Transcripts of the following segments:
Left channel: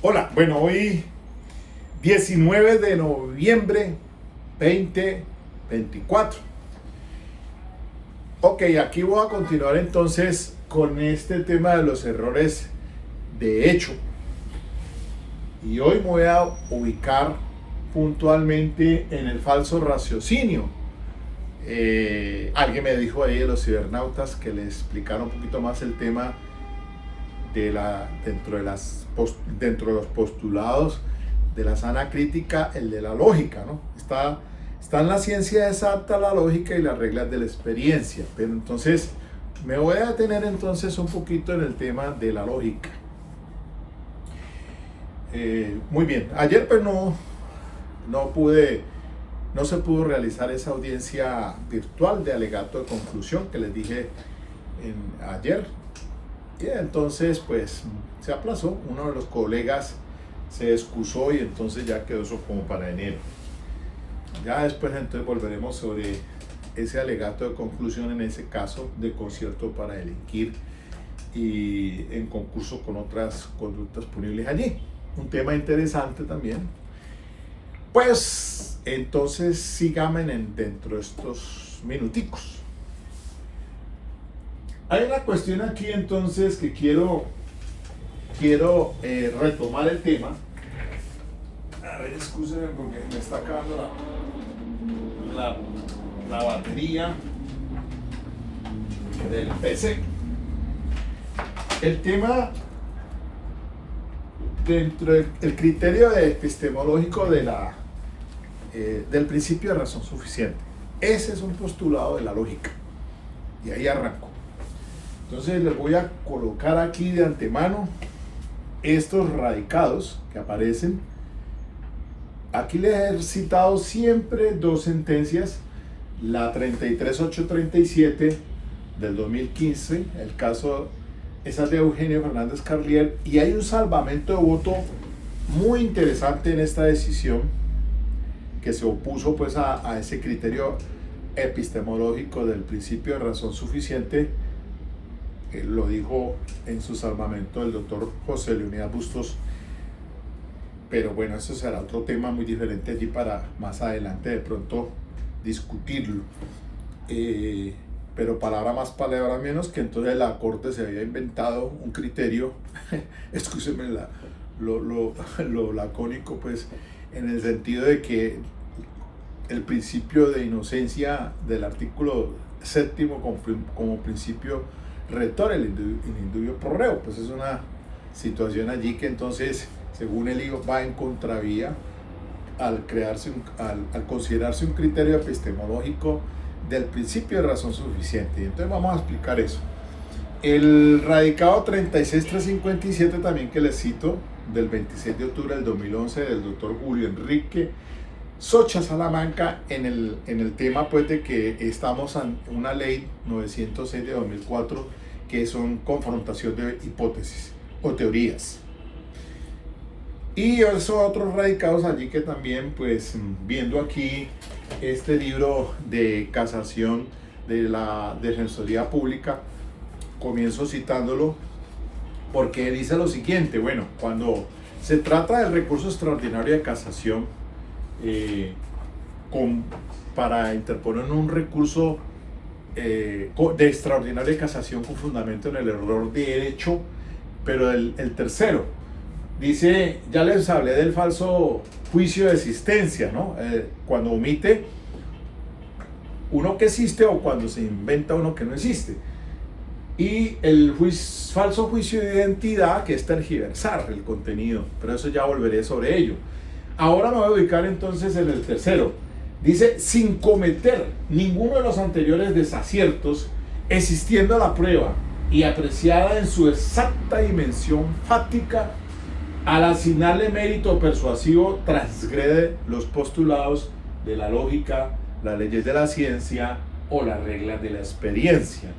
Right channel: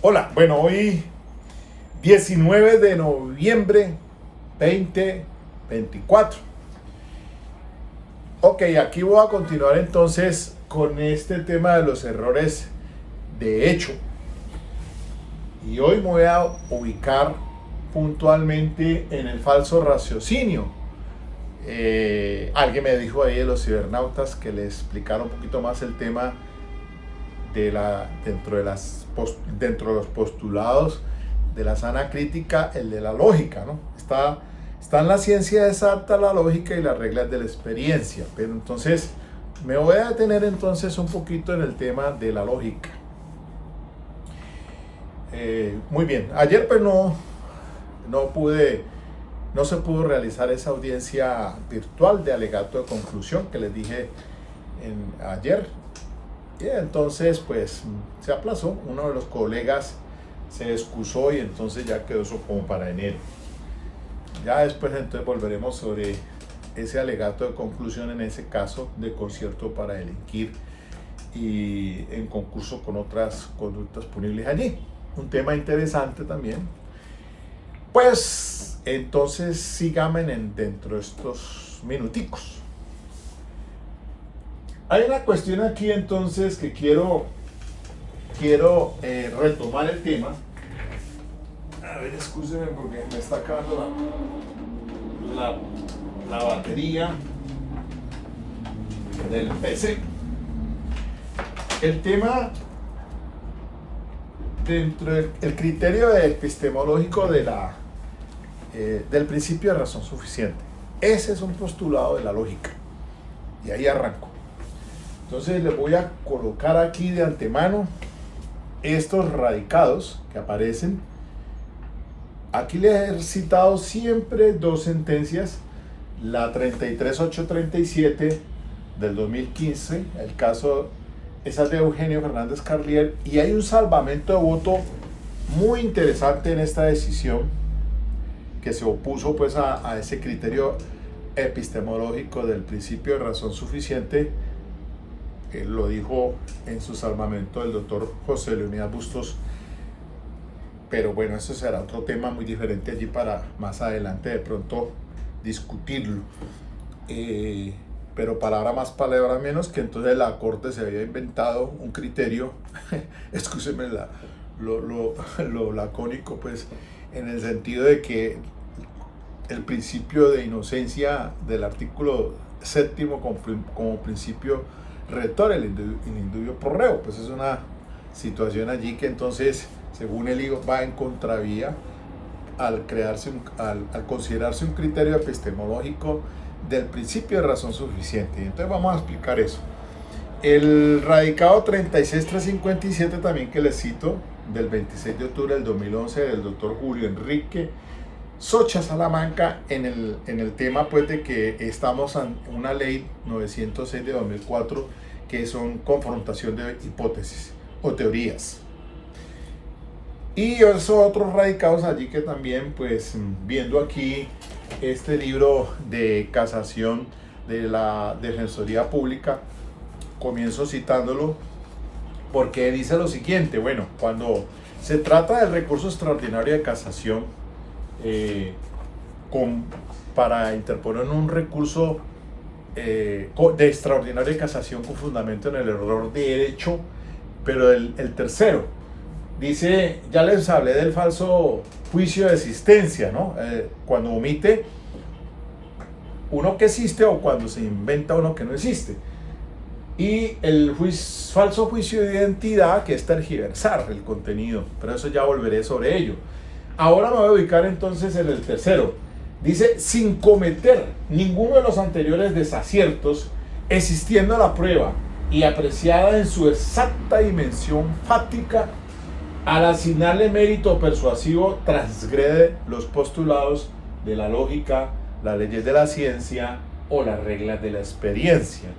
Hola, bueno, hoy 19 de noviembre 2024. Ok, aquí voy a continuar entonces con este tema de los errores de hecho. Y hoy me voy a ubicar puntualmente en el falso raciocinio. Alguien me dijo ahí de los cibernautas que le explicara un poquito más el tema dentro de los postulados de la sana crítica, el de la lógica, ¿no? Está en la ciencia exacta, la lógica y las reglas de la experiencia, pero entonces me voy a detener entonces un poquito en el tema de la lógica. Muy bien, ayer pues no se pudo realizar esa audiencia virtual de alegato de conclusión que les dije ayer. Y entonces pues se aplazó, uno de los colegas se excusó y entonces ya quedó eso como para enero. Ya después entonces volveremos sobre ese alegato de conclusión en ese caso de concierto para delinquir y en concurso con otras conductas punibles allí. Un tema interesante también. Pues entonces síganme dentro de estos minuticos. Hay una cuestión aquí entonces que quiero retomar el tema. A ver, excúsenme porque me está acabando la batería del PC. El tema dentro del criterio epistemológico del principio de razón suficiente. Ese es un postulado de la lógica. Y ahí arranco. Entonces les voy a colocar aquí de antemano estos radicados que aparecen. Aquí les he citado siempre dos sentencias, la 33837 del 2015, el caso esa es de Eugenio Fernández Carlier, y hay un salvamento de voto muy interesante en esta decisión que se opuso pues a ese criterio epistemológico del principio de razón suficiente. Lo dijo en su salvamento el doctor José Leonidas Bustos, pero bueno, eso será otro tema muy diferente allí para más adelante de pronto discutirlo. Pero palabra más, palabra menos, que entonces la Corte se había inventado un criterio, excúsenme lo lacónico, pues en el sentido de que el principio de inocencia del artículo séptimo como principio rector, el indubio pro reo, pues es una situación allí que entonces, según él, va en contravía al considerarse un criterio epistemológico del principio de razón suficiente. Entonces vamos a explicar eso. El radicado 36357 también que les cito, del 26 de octubre del 2011, del doctor Julio Enrique Socha Salamanca, en el tema pues de que estamos en una ley 906 de 2004 que son confrontación de hipótesis o teorías. Y esos otros radicados allí que también pues viendo aquí este libro de casación de la Defensoría Pública, comienzo citándolo porque dice lo siguiente: bueno, cuando se trata del recurso extraordinario de casación, para interponer un recurso de extraordinaria casación con fundamento en el error de derecho, pero el tercero dice, ya les hablé del falso juicio de existencia, ¿no? Cuando omite uno que existe o cuando se inventa uno que no existe. Y el falso juicio de identidad, que es tergiversar el contenido, pero eso ya volveré sobre ello. Ahora me voy a ubicar entonces en el tercero. Dice, sin cometer ninguno de los anteriores desaciertos, existiendo la prueba y apreciada en su exacta dimensión fáctica, al asignarle mérito persuasivo, transgrede los postulados de la lógica, las leyes de la ciencia o las reglas de la experiencia.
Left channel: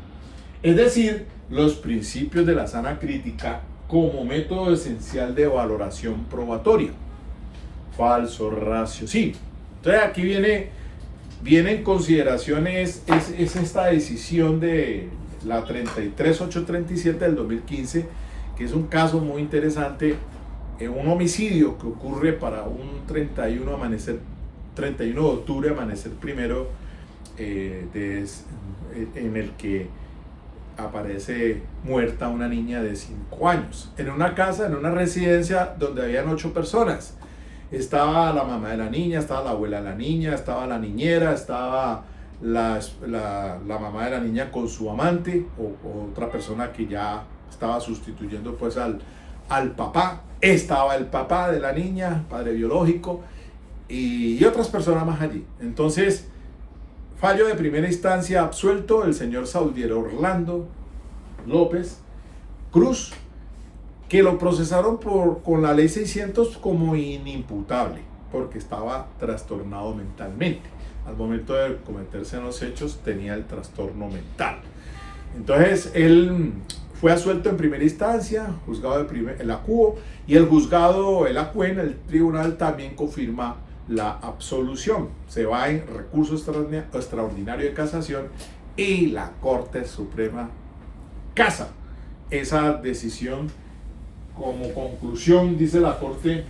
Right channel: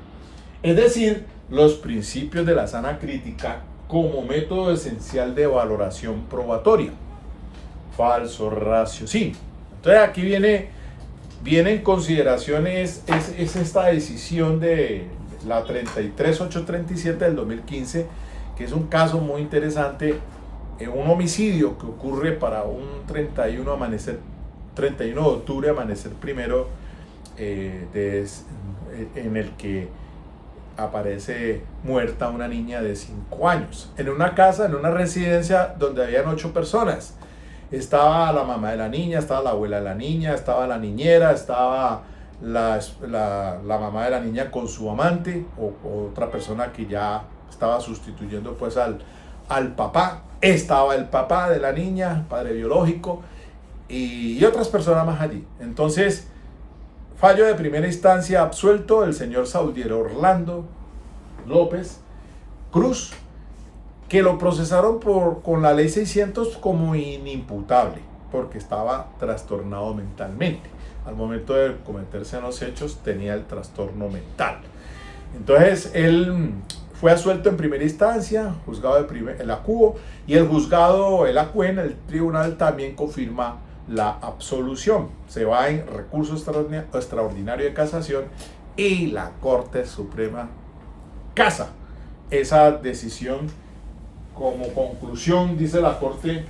Es decir, los principios de la sana crítica como método esencial de valoración probatoria. Falso raciocinio. Entonces aquí viene en consideraciones es esta decisión de la 33837 del 2015, que es un caso muy interesante un homicidio que ocurre para un 31 de octubre, amanecer primero, en el que aparece muerta una niña de 5 años, en una casa, en una residencia donde habían 8 personas. Estaba la mamá de la niña, estaba la abuela de la niña, estaba la niñera, estaba la mamá de la niña con su amante, o otra persona que ya estaba sustituyendo pues al papá. Estaba el papá de la niña, padre biológico, y otras personas más allí. Entonces, fallo de primera instancia: absuelto el señor Saudier Orlando López Cruz, que lo procesaron con la ley 600 como inimputable, porque estaba trastornado mentalmente. Al momento de cometerse los hechos tenía el trastorno mental. Entonces él fue absuelto en primera instancia, juzgado el ACUO, y el juzgado, el ACUEN, el tribunal, también confirma la absolución. Se va en recurso extraordinario de casación y la Corte Suprema casa esa decisión. Como conclusión, dice la Corte:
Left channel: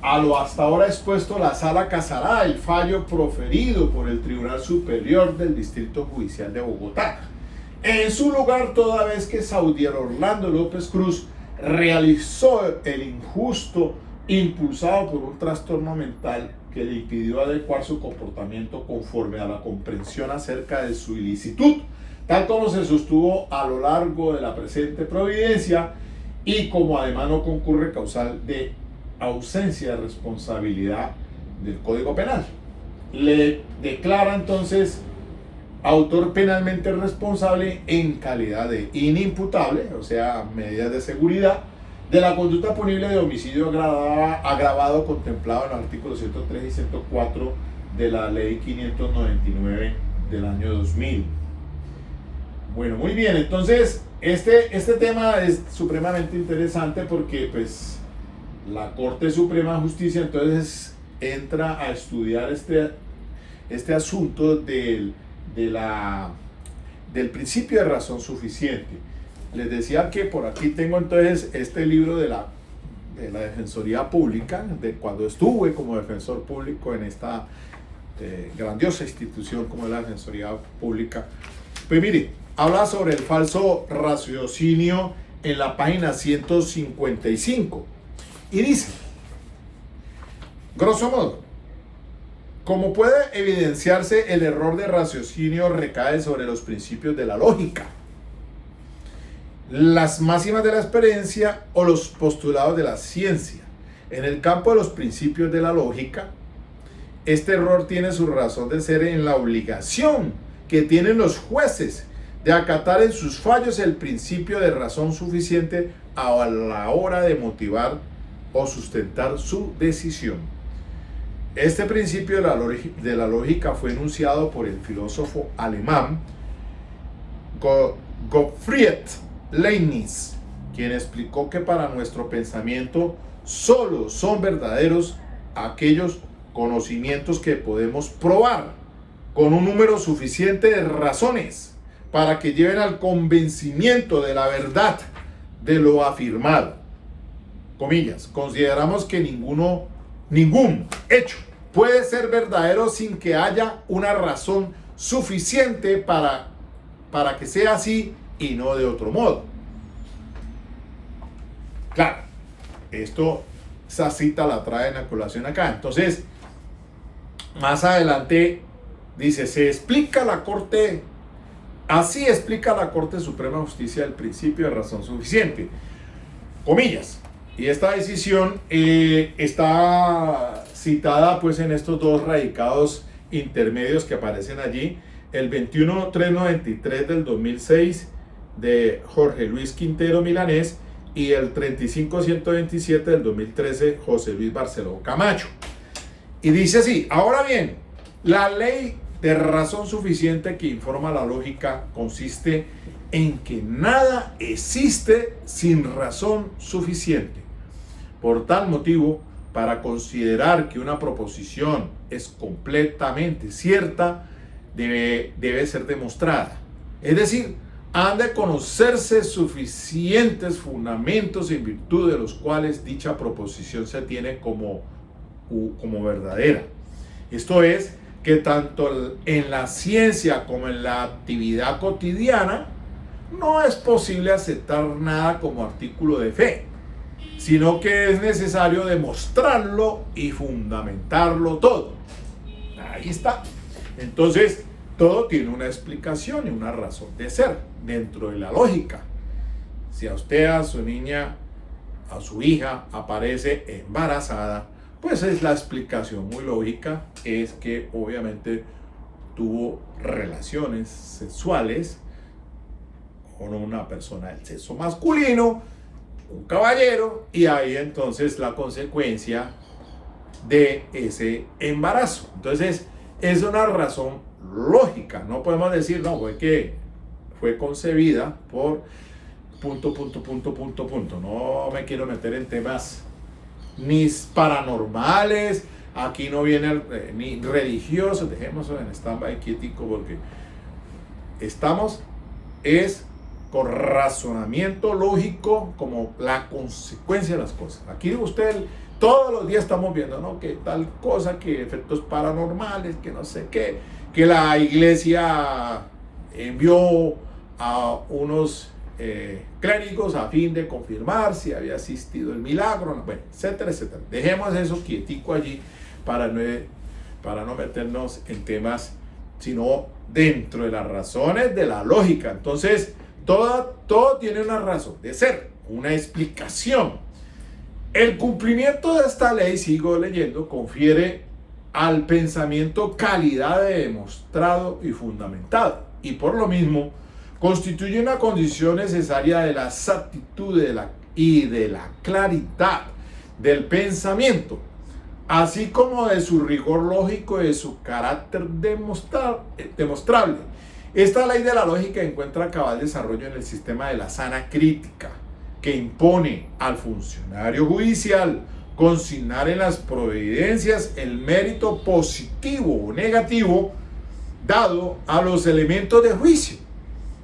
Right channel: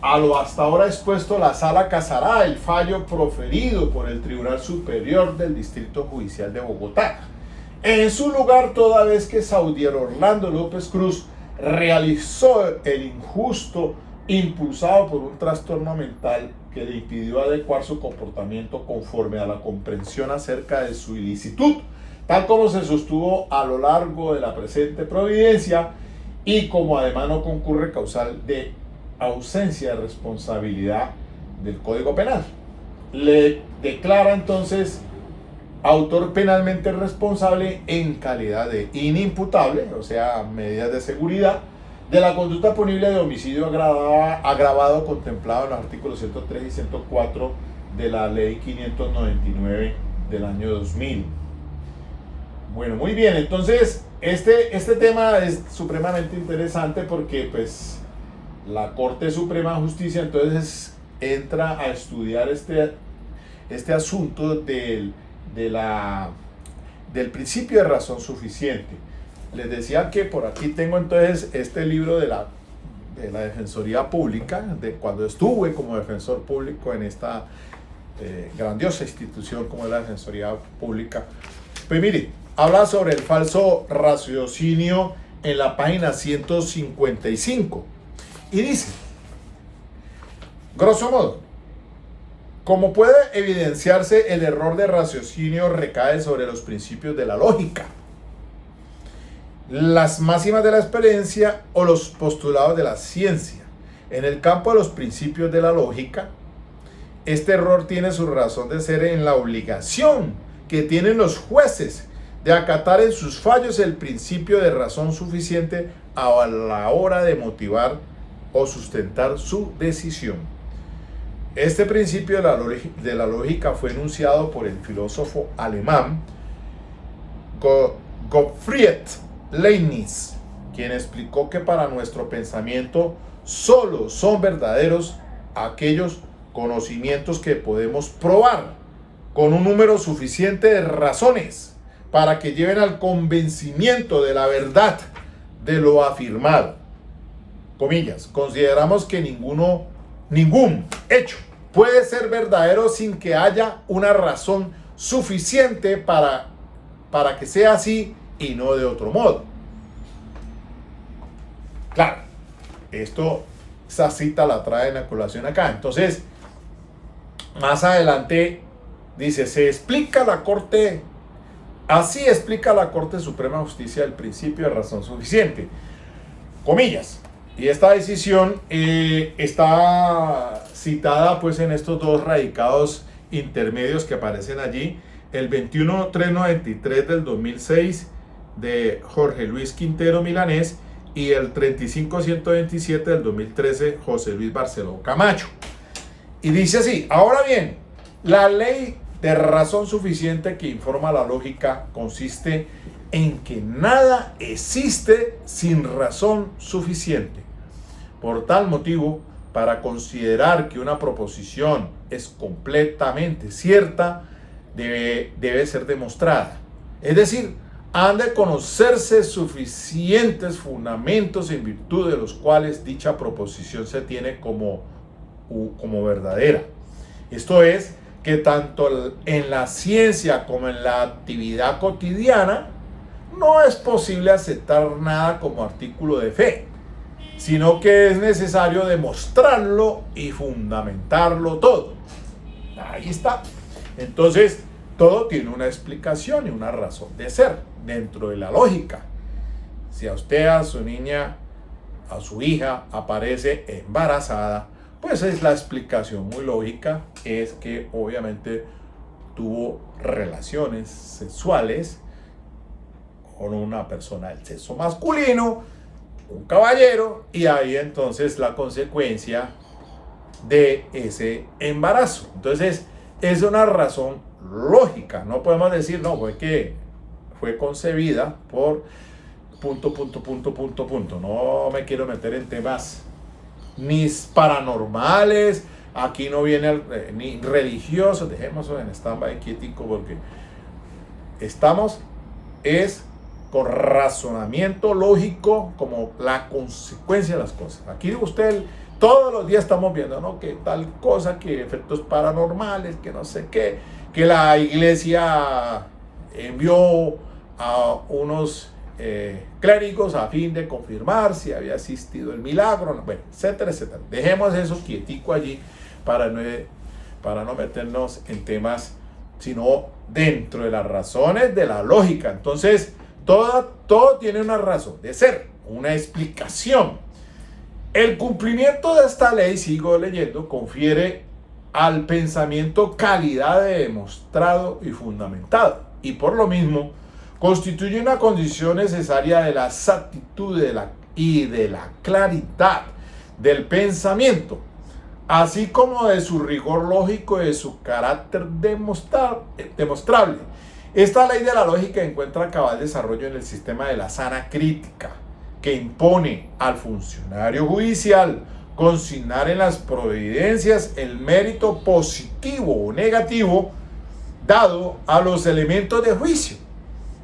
a lo hasta ahora expuesto, la Sala casará el fallo proferido por el Tribunal Superior del Distrito Judicial de Bogotá. En su lugar, toda vez que Saudier Orlando López Cruz realizó el injusto impulsado por un trastorno mental que le impidió adecuar su comportamiento conforme a la comprensión acerca de su ilicitud, tal como se sostuvo a lo largo de la presente providencia, y como además no concurre causal de ausencia de responsabilidad del Código Penal. Le declara entonces autor penalmente responsable en calidad de inimputable, o sea, medidas de seguridad, de la conducta punible de homicidio agravado contemplado en los artículos 103 y 104 de la Ley 599 del año 2000. Bueno, muy bien, entonces este tema es supremamente interesante porque pues la Corte Suprema de Justicia entonces entra a estudiar este asunto del principio de razón suficiente. Les decía que por aquí tengo entonces este libro de la Defensoría Pública, de cuando estuve como defensor público en esta grandiosa institución como es la Defensoría Pública. Pues mire, habla sobre el falso raciocinio en la página 155 y dice, grosso modo: como puede evidenciarse, el error de raciocinio recae sobre los principios de la lógica, las máximas de la experiencia o los postulados de la ciencia. En el campo de los principios de la lógica, este error tiene su razón de ser en la obligación que tienen los jueces de acatar en sus fallos el principio de razón suficiente a la hora de motivar o sustentar su decisión. Este principio de la lógica fue enunciado por el filósofo alemán Gottfried Leibniz, quien explicó que para nuestro pensamiento solo son verdaderos aquellos conocimientos que podemos probar con un número suficiente de razones para que lleven al convencimiento de la verdad de lo afirmado. Comillas, consideramos que ningún hecho puede ser verdadero sin que haya una razón suficiente para que sea así y no de otro modo. Claro, esa cita la trae en la colación acá. Entonces, más adelante dice, así explica la Corte Suprema de Justicia el principio de razón suficiente. Comillas. Y esta decisión está citada pues en estos dos radicados intermedios que aparecen allí, el 21393 del 2006 de Jorge Luis Quintero Milanés y el 35127 del 2013 José Luis Barceló Camacho. Y dice así: ahora bien, la ley de razón suficiente que informa la lógica consiste en que nada existe sin razón suficiente. Por tal motivo, para considerar que una proposición es completamente cierta, debe ser demostrada. Es decir, han de conocerse suficientes fundamentos en virtud de los cuales dicha proposición se tiene como verdadera. Esto es, que tanto en la ciencia como en la actividad cotidiana no es posible aceptar nada como artículo de fe, sino que es necesario demostrarlo y fundamentarlo todo. Ahí está. Entonces, todo tiene una explicación y una razón de ser dentro de la lógica. Si a usted, a su niña, a su hija aparece embarazada, pues es la explicación muy lógica, es que obviamente tuvo relaciones sexuales con una persona del sexo masculino, un caballero, y ahí entonces la consecuencia de ese embarazo. Entonces es una razón lógica, no podemos decir, no, fue que fue concebida por punto. No me quiero meter en temas ni paranormales, aquí no viene ni religiosos, dejemos en stand-by quietico porque estamos con razonamiento lógico como la consecuencia de las cosas. Aquí usted todos los días estamos viendo, ¿no?, que tal cosa, que efectos paranormales, que no sé qué, que la iglesia envió a unos clérigos a fin de confirmar si había existido el milagro, bueno, etcétera. Dejemos eso quietico allí para no meternos en temas, sino dentro de las razones de la lógica. Entonces, todo tiene una razón de ser, una explicación. El cumplimiento de esta ley, sigo leyendo, confiere al pensamiento calidad de demostrado y fundamentado, y por lo mismo constituye una condición necesaria de la exactitud y de la claridad del pensamiento, así como de su rigor lógico y de su carácter demostrable. Esta ley de la lógica encuentra cabal desarrollo en el sistema de la sana crítica, que impone al funcionario judicial consignar en las providencias el mérito positivo o negativo dado a los elementos de juicio,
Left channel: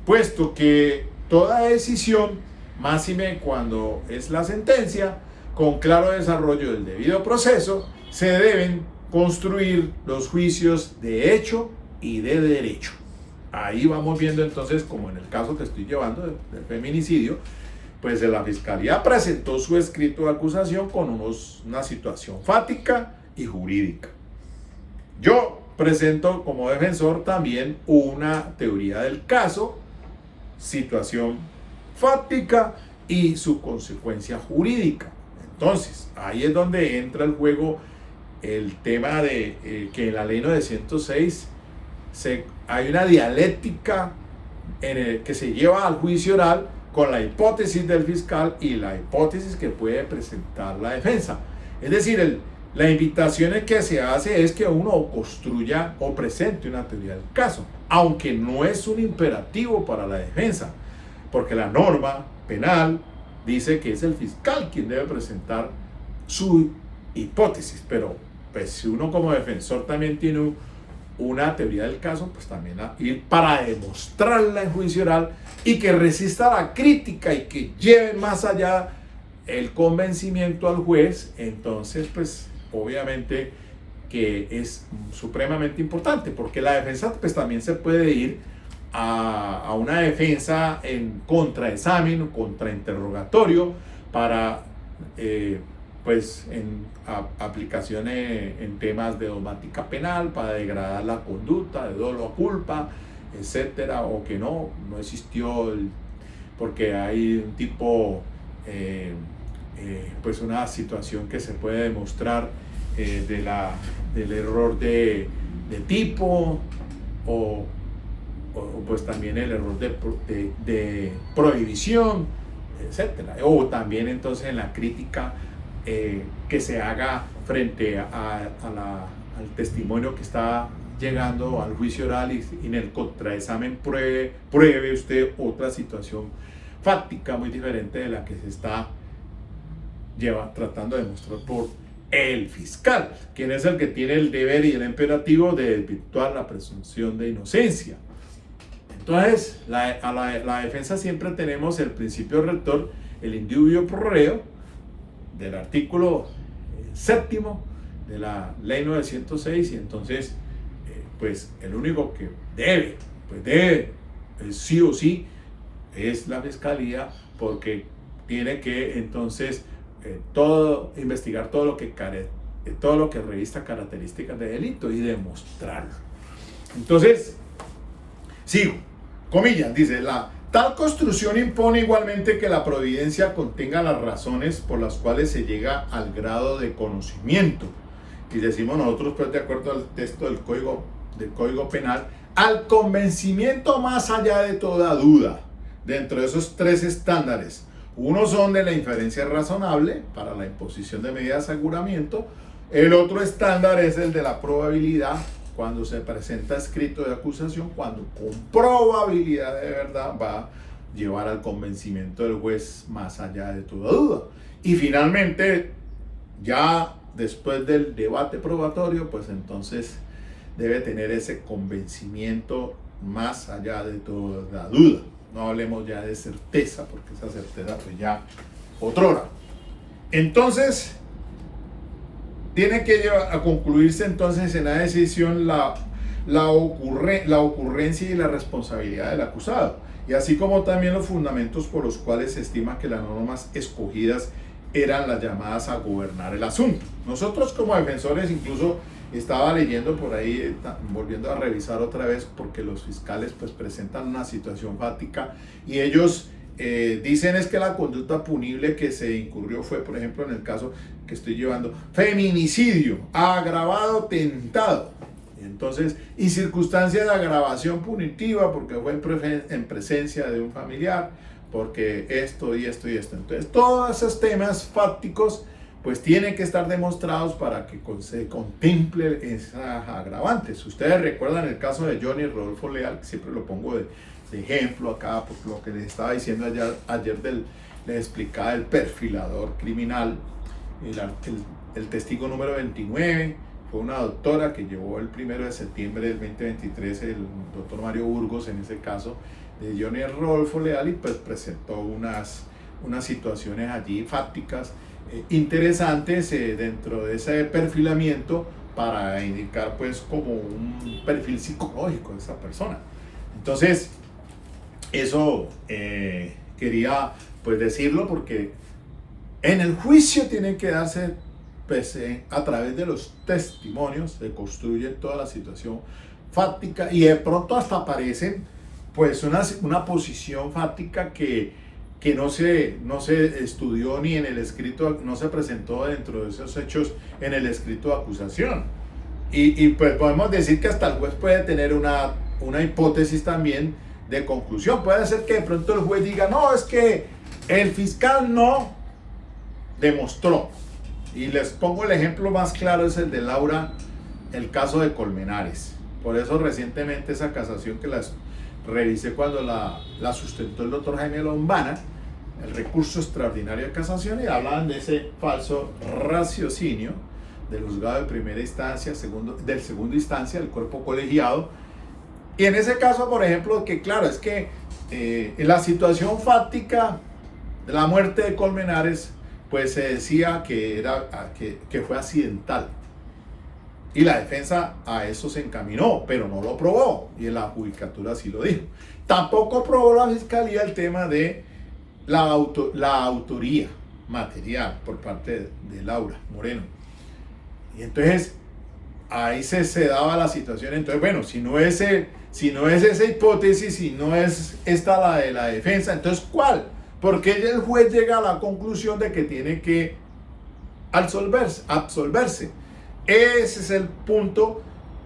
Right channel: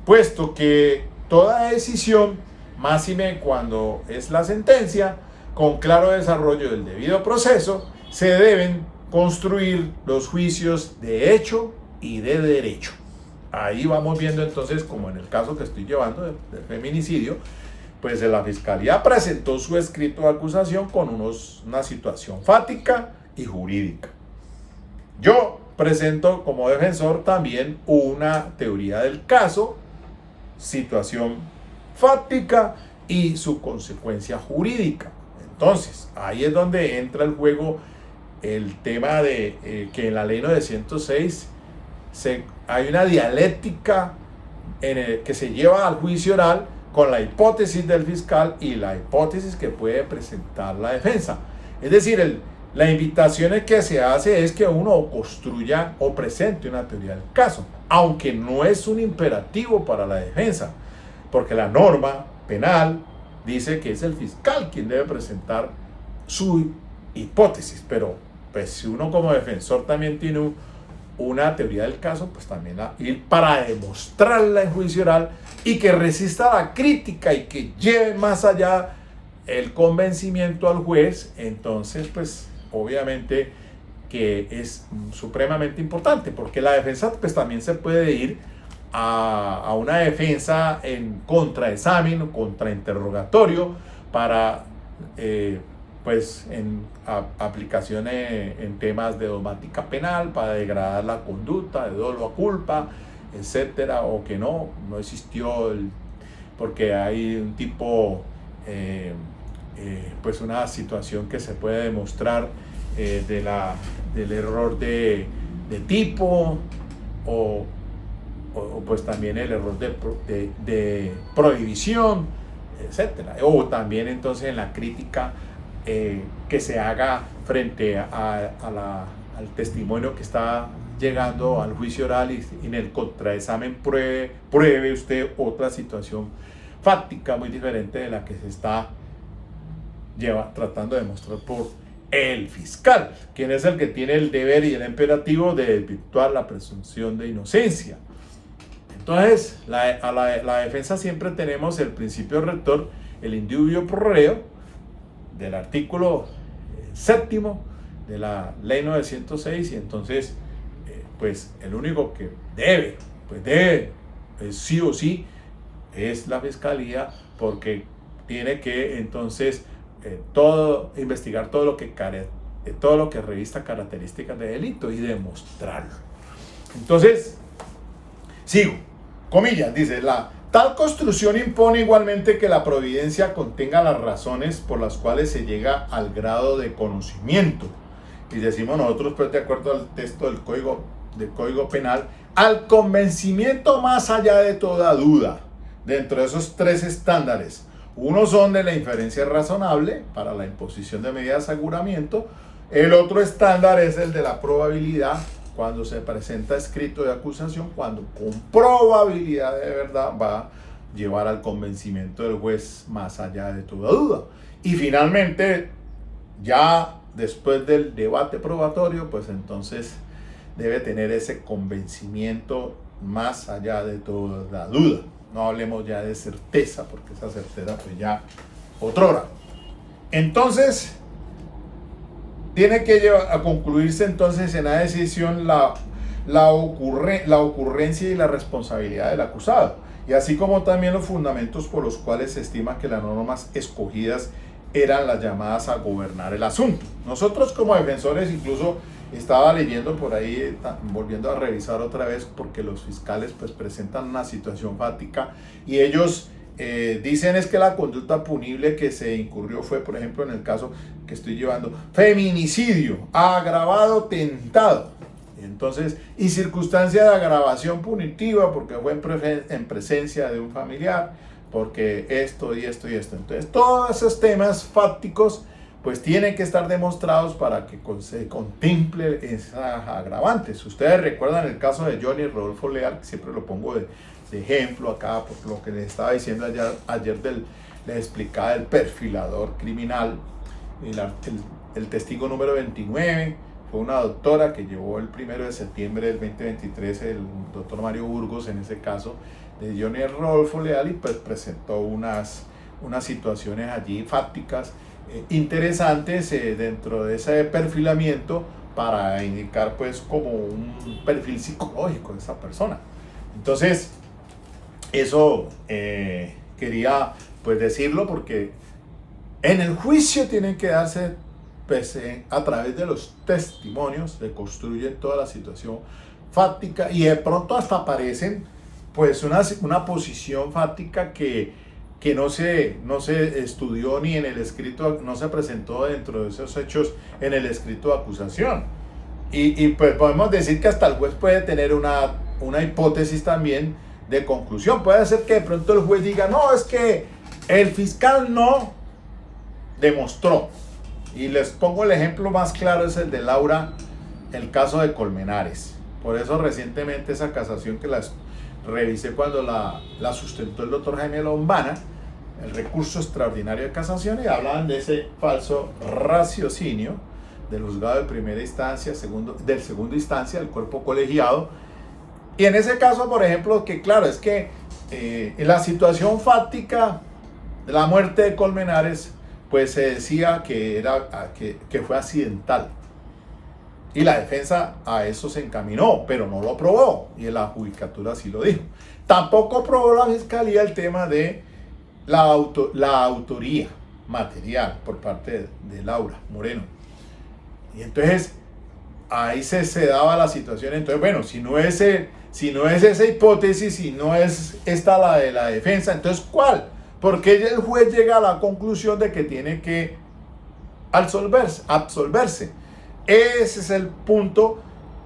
puesto que toda decisión, máxime cuando es la sentencia, con claro desarrollo del debido proceso, se deben construir los juicios de hecho y de derecho. Ahí vamos viendo entonces, como en el caso que estoy llevando del feminicidio, pues la Fiscalía presentó su escrito de acusación con una situación fáctica y jurídica. Yo presento como defensor también una teoría del caso, situación fáctica y su consecuencia jurídica. Entonces, ahí es donde entra el juego el tema de que en la ley 906 hay una dialéctica que se lleva al juicio oral con la hipótesis del fiscal y la hipótesis que puede presentar la defensa. Es decir, la invitación que se hace es que uno construya o presente una teoría del caso, aunque no es un imperativo para la defensa, porque la norma penal dice que es el fiscal quien debe presentar su hipótesis, pero pues si uno como defensor también tiene una teoría del caso, pues también ir para demostrarla en juicio oral y que resista la crítica y que lleve más allá el convencimiento al juez, entonces pues obviamente que es supremamente importante, porque la defensa pues también se puede ir a una defensa en contraexamen o contrainterrogatorio para pues en aplicaciones en temas de dogmática penal para degradar la conducta de dolo a culpa, etcétera, o que no existió porque hay un tipo pues una situación que se puede demostrar del error de tipo o pues también el error de prohibición, etcétera, o también entonces en la crítica que se haga frente al testimonio que está llegando al juicio oral y en el contraexamen pruebe usted otra situación fáctica muy diferente de la que se está tratando de demostrar por el fiscal, quien es el que tiene el deber y el imperativo de desvirtuar la presunción de inocencia. Entonces, la defensa siempre tenemos el principio rector, el indubio pro reo, del artículo séptimo de la ley 906, y entonces, pues el único que debe, sí o sí, es la fiscalía, porque tiene que entonces investigar todo lo que revista características de delito y demostrarlo. Entonces, sigo, comillas, dice, tal construcción impone igualmente que la providencia contenga las razones por las cuales se llega al grado de conocimiento. Y decimos nosotros, pues de acuerdo al texto del Código Penal, al convencimiento más allá de toda duda. Dentro de esos tres estándares, uno son de la inferencia razonable para la imposición de medidas de aseguramiento, el otro estándar es el de la probabilidad, cuando se presenta escrito de acusación, cuando con probabilidad de verdad va a llevar al convencimiento del juez más allá de toda duda. Y finalmente, ya después del debate probatorio, pues entonces debe tener ese convencimiento más allá de toda duda. No hablemos ya de certeza, porque esa certeza pues ya otrora. Entonces, tiene que llevar a concluirse entonces en la decisión la ocurrencia y la responsabilidad del acusado, y así como también los fundamentos por los cuales se estima que las normas escogidas eran las llamadas a gobernar el asunto. Nosotros como defensores, incluso estaba leyendo por ahí, volviendo a revisar otra vez, porque los fiscales pues presentan una situación fática y ellos dicen es que la conducta punible que se incurrió fue, por ejemplo, en el caso que estoy llevando, feminicidio, agravado, tentado. Entonces, y circunstancia de agravación punitiva porque fue en presencia de un familiar, porque esto y esto y esto. Entonces, todos esos temas fácticos pues tienen que estar demostrados para que se contemple esas agravantes. Ustedes recuerdan el caso de Johnny Rodolfo Leal, que siempre lo pongo de ejemplo acá, por lo que les estaba diciendo ayer les explicaba el perfilador criminal, el testigo número 29, fue una doctora que llevó el 1 de septiembre del 2023, el doctor Mario Burgos, en ese caso, de Johnny Rodolfo Leal, y pues presentó unas situaciones allí fácticas interesantes dentro de ese perfilamiento para indicar pues como un perfil psicológico de esa persona. Entonces, eso quería pues decirlo, porque en el juicio tienen que darse pues, a través de los testimonios, se construye toda la situación fáctica y de pronto hasta aparecen pues una posición fáctica que no se estudió ni en el escrito, no se presentó dentro de esos hechos en el escrito de acusación. Y pues podemos decir que hasta el juez puede tener una hipótesis también de conclusión. Puede ser que de pronto el juez diga, no, es que el fiscal no demostró. Y les pongo el ejemplo más claro, es el de Laura, el caso de Colmenares. Por eso recientemente esa casación que la revisé cuando la sustentó el doctor Jaime Lombana, el recurso extraordinario de casación, y hablaban de ese falso raciocinio del juzgado de primera instancia, del segunda instancia, del cuerpo colegiado. Y en ese caso, por ejemplo, que claro, es que la situación fáctica de la muerte de Colmenares, pues se decía que fue accidental. Y la defensa a eso se encaminó, pero no lo probó, y en la judicatura sí lo dijo. Tampoco probó la fiscalía el tema de la autoría material por parte de Laura Moreno. Y entonces ahí se daba la situación. Entonces, bueno, si no es esa hipótesis, si no es esta la de la defensa, entonces ¿cuál? Porque el juez llega a la conclusión de que tiene que absolverse. Ese es el punto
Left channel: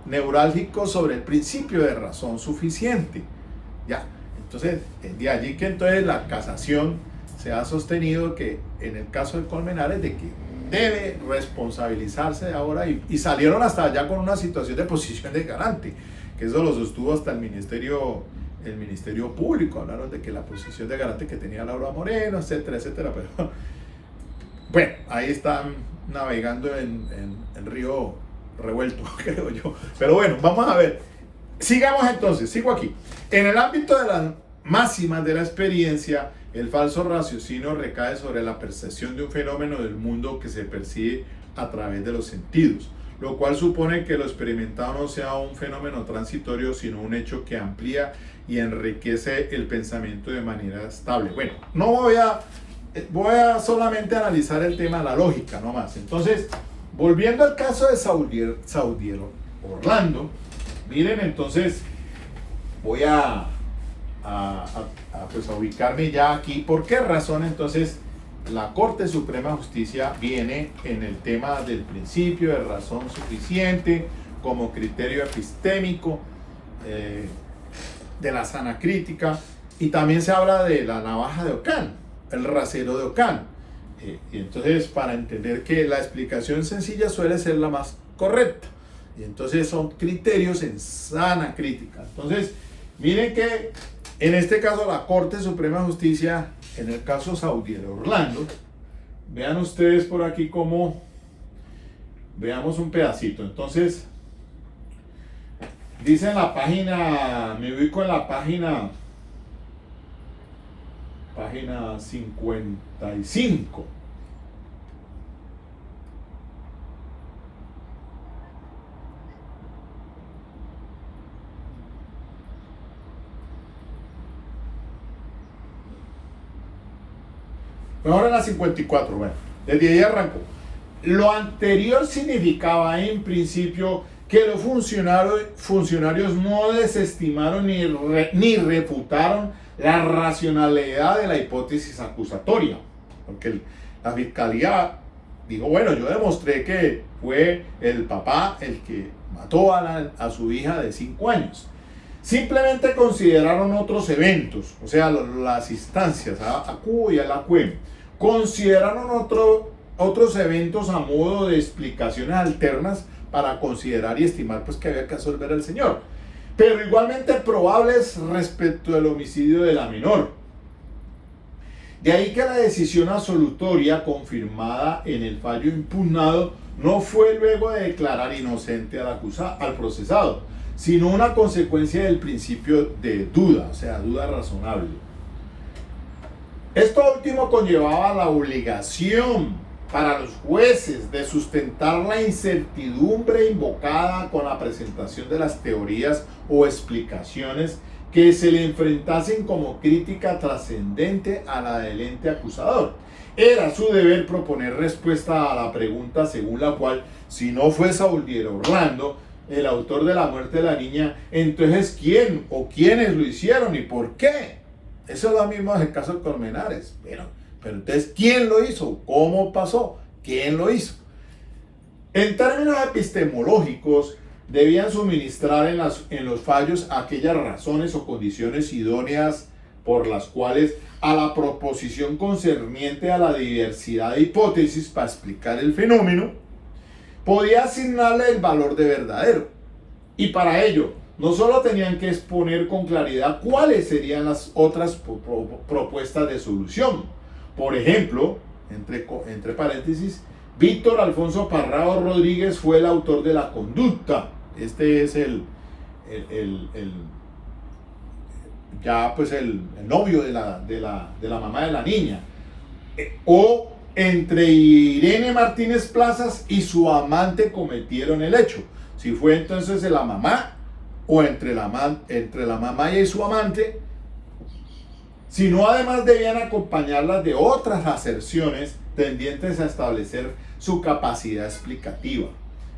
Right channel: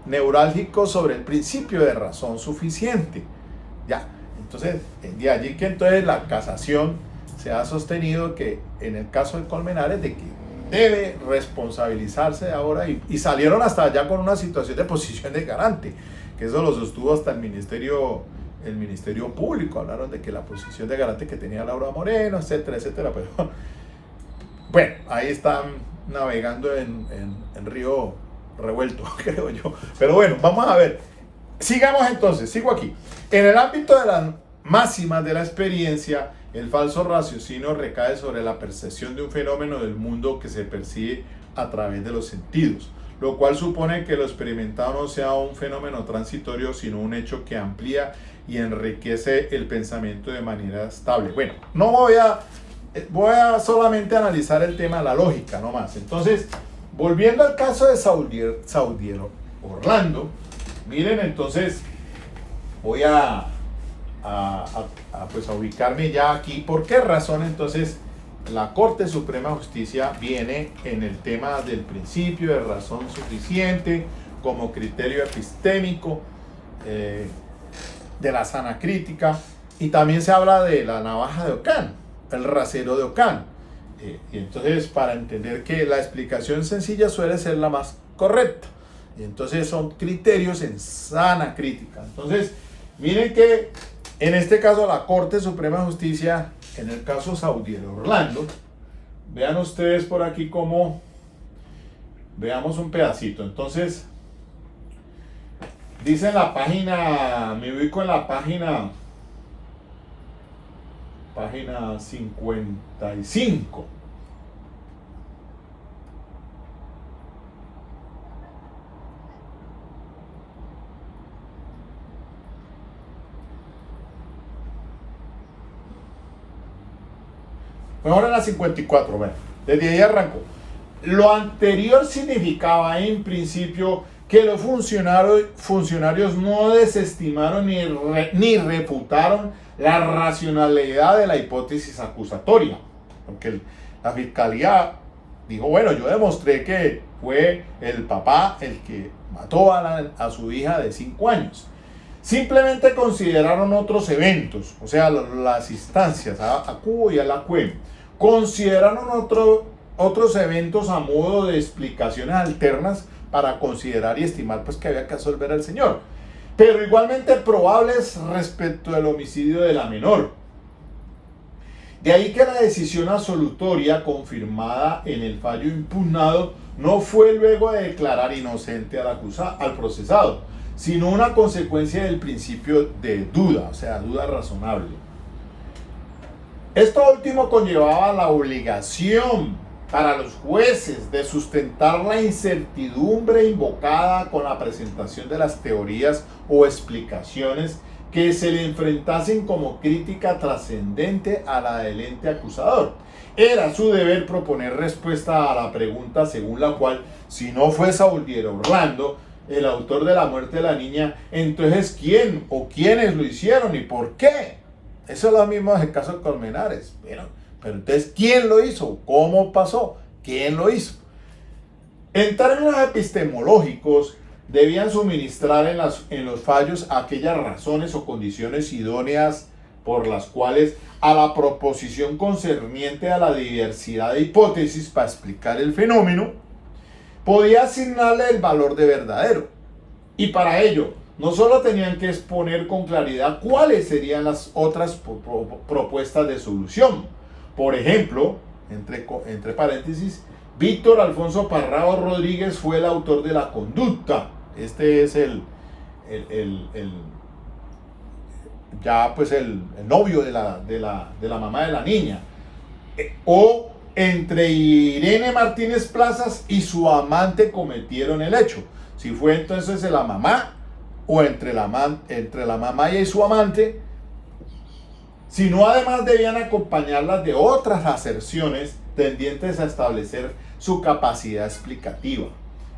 neurálgico sobre el principio de razón suficiente. Ya, entonces, de allí que entonces la casación se ha sostenido que en el caso de Colmenares de que debe responsabilizarse ahora, y salieron hasta allá con una situación de posición de garante, que eso lo sostuvo hasta el Ministerio Público. Hablaron de que la posición de garante que tenía Laura Moreno, etcétera, etcétera, pero bueno, ahí están navegando en río revuelto, creo yo. Pero bueno, vamos a ver. Sigamos entonces, sigo aquí. En el ámbito de las máximas de la experiencia, el falso raciocinio recae sobre la percepción de un fenómeno del mundo que se percibe a través de los sentidos, lo cual supone que lo experimentado no sea un fenómeno transitorio, sino un hecho que amplía y enriquece el pensamiento de manera estable. Bueno, no voy a solamente analizar el tema de la lógica, no más. Entonces, volviendo al caso de Saudier Orlando, miren, entonces voy pues a ubicarme ya aquí. ¿Por qué razón entonces la Corte Suprema de Justicia viene en el tema del principio de razón suficiente como criterio epistémico, de la sana crítica? Y también se habla de la navaja de Ockham, el rasero de Ockham. Y entonces, para entender que la explicación sencilla suele ser la más correcta. Y entonces son criterios en sana crítica. Entonces, miren que en este caso la Corte Suprema de Justicia, en el caso Saudier Orlando, vean ustedes por aquí cómo, veamos un pedacito. Entonces, dice en la página, me ubico en la página 55. Mejor en la 54, bueno, desde ahí arrancó. Lo anterior significaba en principio que los funcionarios no desestimaron ni refutaron la racionalidad de la hipótesis acusatoria, porque la fiscalía dijo, bueno, yo demostré que fue el papá el que mató a su hija de 5 años. Simplemente consideraron otros eventos, o sea, las instancias, a Cubo y a la CUEM, consideraron otros eventos a modo de explicaciones alternas para considerar y estimar pues que había que absolver al señor, pero igualmente probables respecto del homicidio de la menor. De ahí que la decisión absolutoria confirmada en el fallo impugnado no fue luego de declarar inocente al procesado, sino una consecuencia del principio de duda, o sea, duda razonable. Esto último conllevaba la obligación para los jueces de sustentar la incertidumbre invocada con la presentación de las teorías o explicaciones que se le enfrentasen como crítica trascendente a la del ente acusador. Era su deber proponer respuesta a la pregunta según la cual, si no fue Saudier Orlando el autor de la muerte de la niña, entonces ¿quién o quiénes lo hicieron y por qué? Eso es lo mismo en el caso de Colmenares. Pero entonces, ¿quién lo hizo? ¿Cómo pasó? ¿Quién lo hizo? En términos epistemológicos, debían suministrar en los fallos aquellas razones o condiciones idóneas por las cuales a la proposición concerniente a la diversidad de hipótesis para explicar el fenómeno podía asignarle el valor de verdadero. Y para ello, no solo tenían que exponer con claridad cuáles serían las otras propuestas de solución. Por ejemplo, entre paréntesis, Víctor Alfonso Parrado Rodríguez fue el autor de la conducta. Este es el novio de la mamá de la niña. O entre Irene Martínez Plazas y su amante cometieron el hecho. Si fue entonces la mamá o entre la mamá y su amante, sino además debían acompañarlas de otras aserciones tendientes a establecer su capacidad explicativa,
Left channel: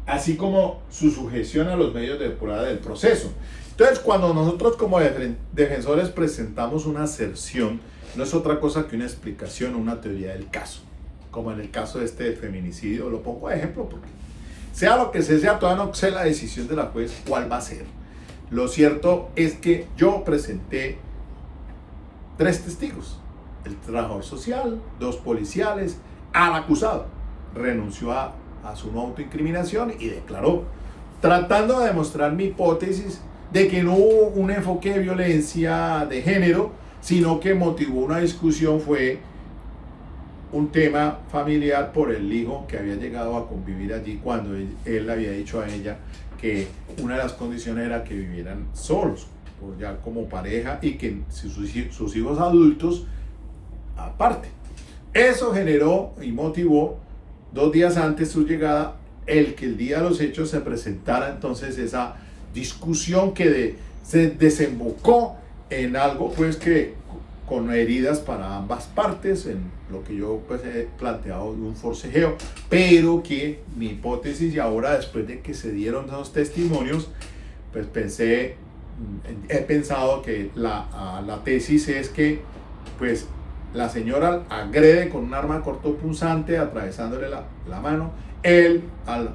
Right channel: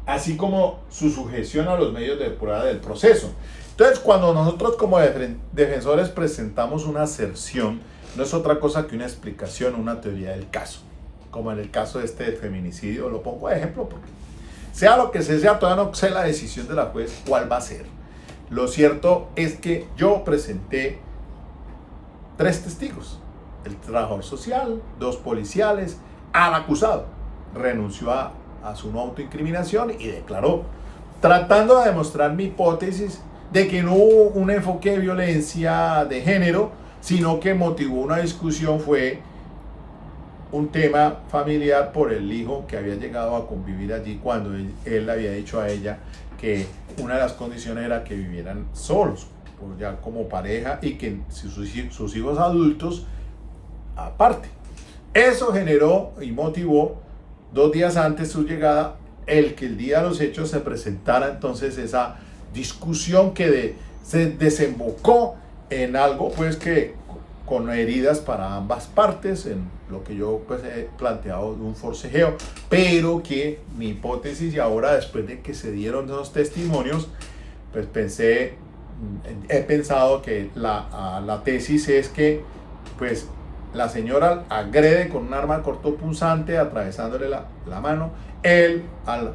así como su sujeción a los medios de prueba del proceso. Entonces, cuando nosotros como defensores presentamos una aserción, no es otra cosa que una explicación o una teoría del caso, como en el caso de este feminicidio. Lo pongo de ejemplo porque sea lo que sea, todavía no sé la decisión de la juez cuál va a ser. Lo cierto es que yo presenté 3 testigos, el trabajador social, 2 policiales, al acusado. Renunció a su no autoincriminación y declaró, tratando de demostrar mi hipótesis de que no hubo un enfoque de violencia de género, sino que motivó una discusión, fue un tema familiar por el hijo que había llegado a convivir allí cuando él había dicho a ella que una de las condiciones era que vivieran solos, o ya como pareja, y que sus hijos adultos aparte. Eso generó y motivó 2 días antes de su llegada el que el día de los hechos se presentara entonces esa discusión que se desembocó en algo pues que con heridas para ambas partes, en lo que yo pues he planteado de un forcejeo, pero que mi hipótesis, y ahora después de que se dieron esos testimonios, pues he pensado que la tesis es que pues la señora agrede con un arma cortopunzante atravesándole la mano, él al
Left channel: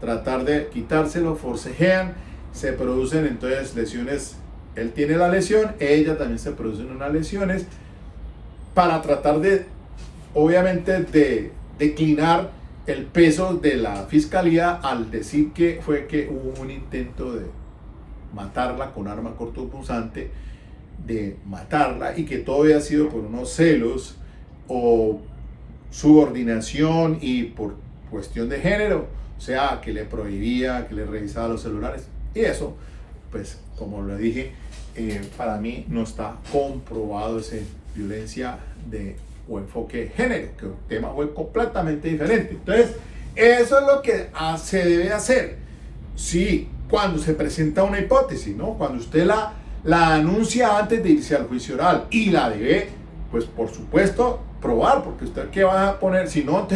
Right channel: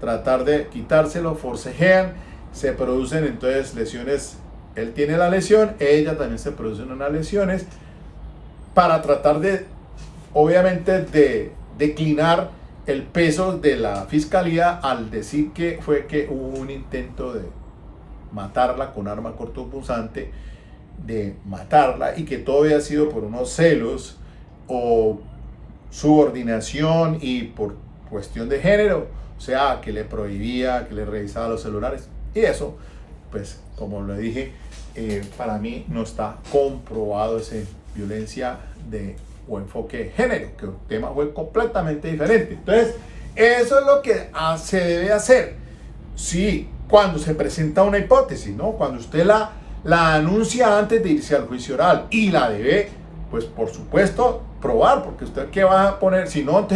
tratar de quitárselo forcejean, se producen entonces lesiones. Él tiene la lesión, ella también se producen unas lesiones, para tratar de, obviamente, de declinar el peso de la fiscalía al decir que hubo un intento de matarla con arma cortopunzante, de matarla, y que todo había sido por unos celos o subordinación y por cuestión de género, o sea, que le prohibía, que le revisaba los celulares, y eso, pues, como le dije, para mí no está comprobado esa violencia o enfoque de género, que el tema fue completamente diferente. Entonces, eso es lo que se debe hacer. Sí, cuando se presenta una hipótesis, ¿no? Cuando usted la anuncia antes de irse al juicio oral, y la debe, pues por supuesto, probar, porque usted qué va a poner, si no,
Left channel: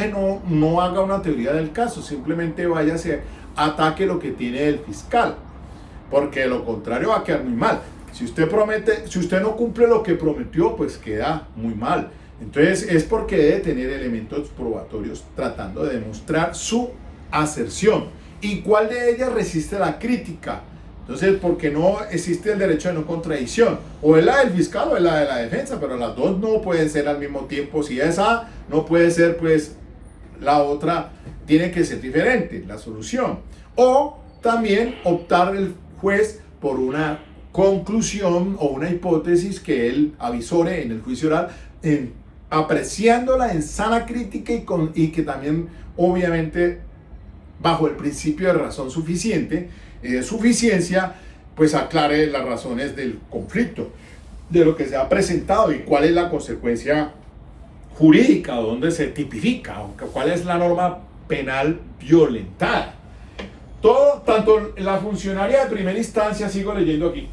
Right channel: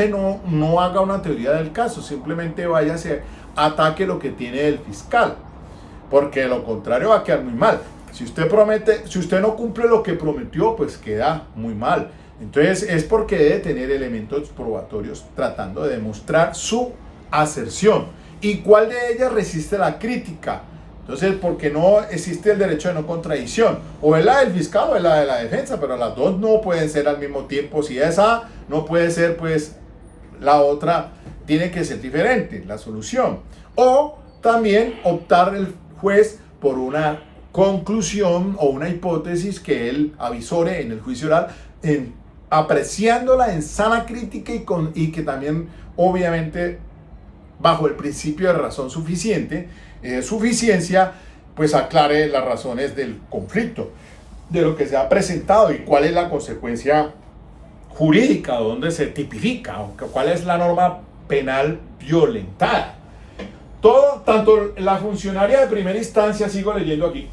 no haga una teoría del caso, simplemente vaya a ataque lo que tiene el fiscal, porque de lo contrario va a quedar muy mal. Si usted no cumple lo que prometió, pues queda muy mal. Entonces es porque debe tener elementos probatorios tratando de demostrar su aserción. ¿Y cuál de ellas resiste la crítica? Entonces, porque no existe el derecho de no contradicción. O es la del fiscal o es la de la defensa, pero las dos no pueden ser al mismo tiempo. Si esa no puede ser, pues la otra tiene que ser diferente, la solución. O también optar el juez por una conclusión o una hipótesis que él avisore en el juicio oral, apreciándola en sana crítica y que también, obviamente, bajo el principio de razón suficiente, suficiencia, pues aclare las razones del conflicto, de lo que se ha presentado y cuál es la consecuencia jurídica, dónde se tipifica, cuál es la norma penal violentada. Tanto la funcionaria de primera instancia, sigo leyendo aquí,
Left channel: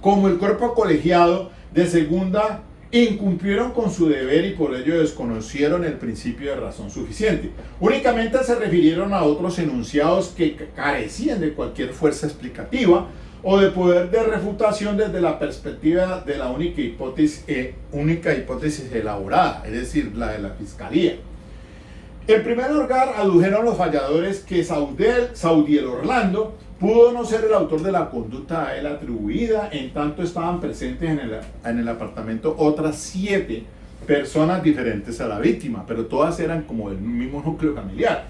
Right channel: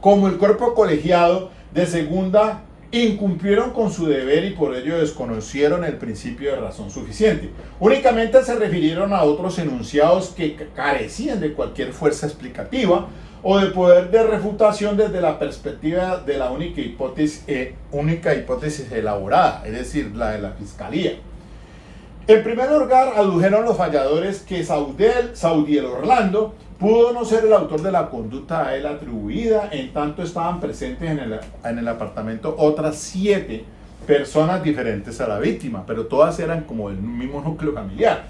como el cuerpo colegiado de segunda incumplieron con su deber y por ello desconocieron el principio de razón suficiente. Únicamente se refirieron a otros enunciados que carecían de cualquier fuerza explicativa o de poder de refutación desde la perspectiva de la única hipótesis elaborada, es decir, la de la fiscalía. En primer lugar, adujeron los falladores que Saudiel Orlando pudo no ser el autor de la conducta a él atribuida, en tanto estaban presentes en el apartamento otras 7 personas diferentes a la víctima, pero todas eran como del mismo núcleo familiar.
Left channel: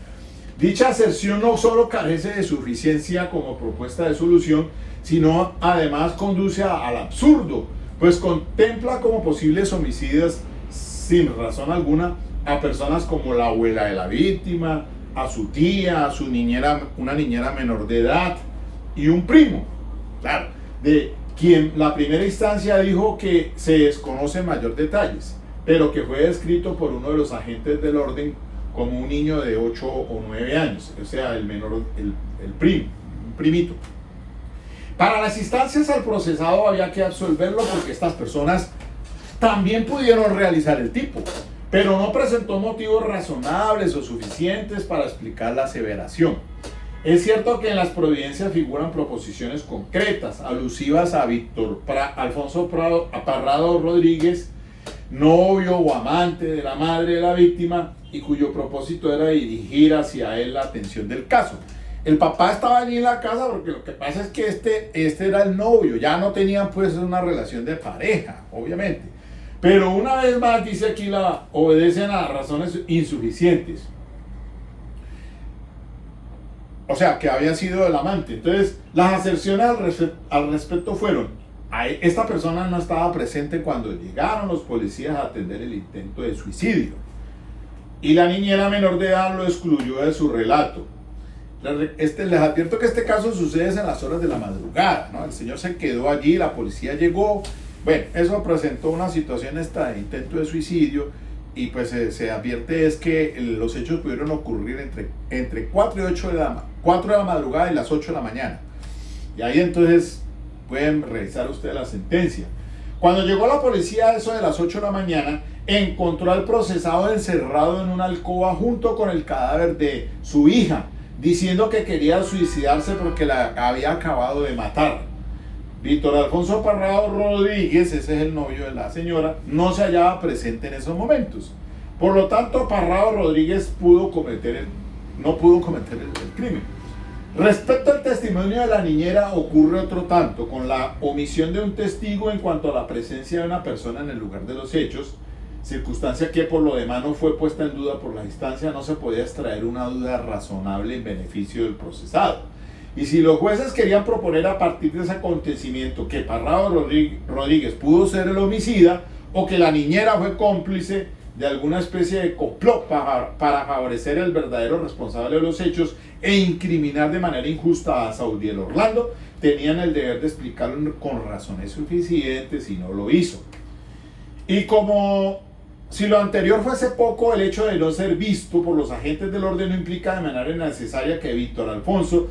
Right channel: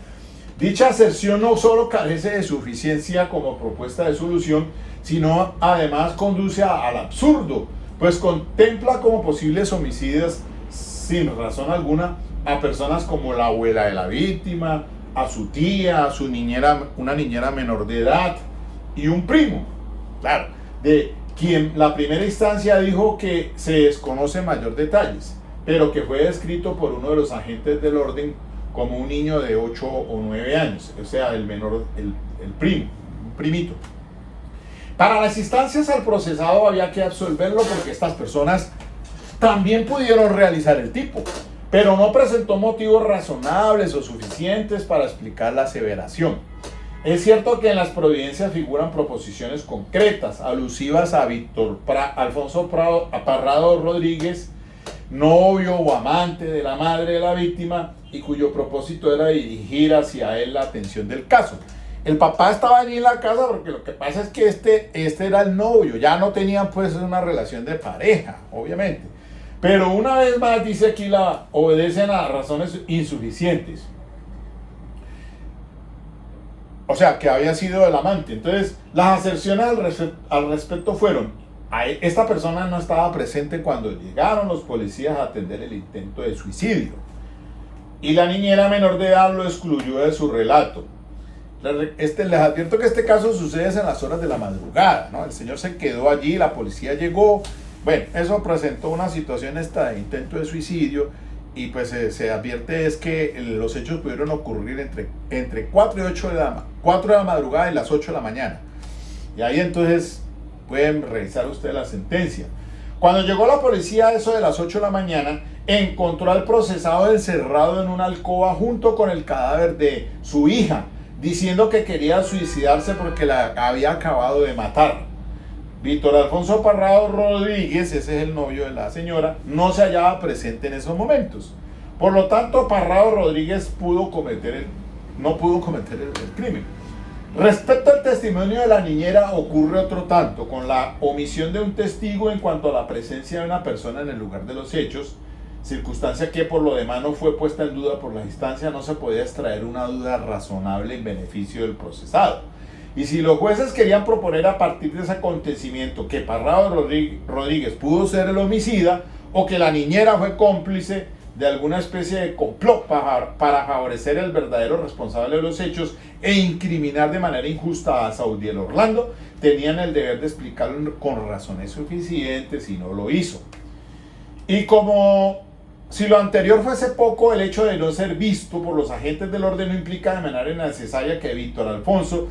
Dicha aserción no solo carece de suficiencia como propuesta de solución, sino además conduce al absurdo, pues contempla como posibles homicidios sin razón alguna a personas como la abuela de la víctima, a su tía, a su niñera, una niñera menor de edad y un primo, claro, de quien la primera instancia dijo que se desconocen mayor detalles, pero que fue descrito por uno de los agentes del orden como un niño de 8 o 9 años, o sea, el menor, el primo, un primito. Para las instancias al procesado había que absolverlo porque estas personas también pudieron realizar el tipo, pero no presentó motivos razonables o suficientes para explicar la aseveración. Es cierto que en las providencias figuran proposiciones concretas, alusivas a Alfonso Parrado Rodríguez, novio o amante de la madre de la víctima, y cuyo propósito era dirigir hacia él la atención del caso. El papá estaba allí en la casa porque lo que pasa es que este era el novio, ya no tenían pues una relación de pareja, obviamente. Pero una vez más dice aquí obedecen a razones insuficientes. O sea, que había sido el amante. Entonces, las aserciones al respecto fueron: esta persona no estaba presente cuando llegaron los policías a atender el intento de suicidio. Y la niñera menor de edad lo excluyó de su relato. Les advierto que este caso sucede en las horas de la madrugada, ¿no? El señor se quedó allí, la policía llegó. Bueno, eso presentó una situación esta de intento de suicidio y pues se advierte es que los hechos pudieron ocurrir entre 4 y 8 4 de la madrugada y las 8 de la mañana. Y ahí entonces pueden revisar ustedes la sentencia. Cuando llegó la policía a eso de las 8 de la mañana, encontró al procesado encerrado en una alcoba junto con el cadáver de su hija, diciendo que quería suicidarse porque la había acabado de matar. Víctor Alfonso Parrado Rodríguez, ese es el novio de la señora, no se hallaba presente en esos momentos. Por lo tanto, Parrado Rodríguez no pudo cometer el crimen. Respecto al testimonio de la niñera, ocurre otro tanto, con la omisión de un testigo en cuanto a la presencia de una persona en el lugar de los hechos, circunstancia que por lo demás no fue puesta en duda por la instancia. No se podía extraer una duda razonable en beneficio del procesado. Y si los jueces querían proponer a partir de ese acontecimiento que Parrado Rodríguez pudo ser el homicida o que la niñera fue cómplice de alguna especie de complot para favorecer el verdadero responsable de los hechos e incriminar de manera injusta a Saudiel Orlando, tenían el deber de explicarlo con razones suficientes y no lo hizo. Y como si lo anterior fuese poco, el hecho de no ser visto por los agentes del orden no implica de manera necesaria que Víctor Alfonso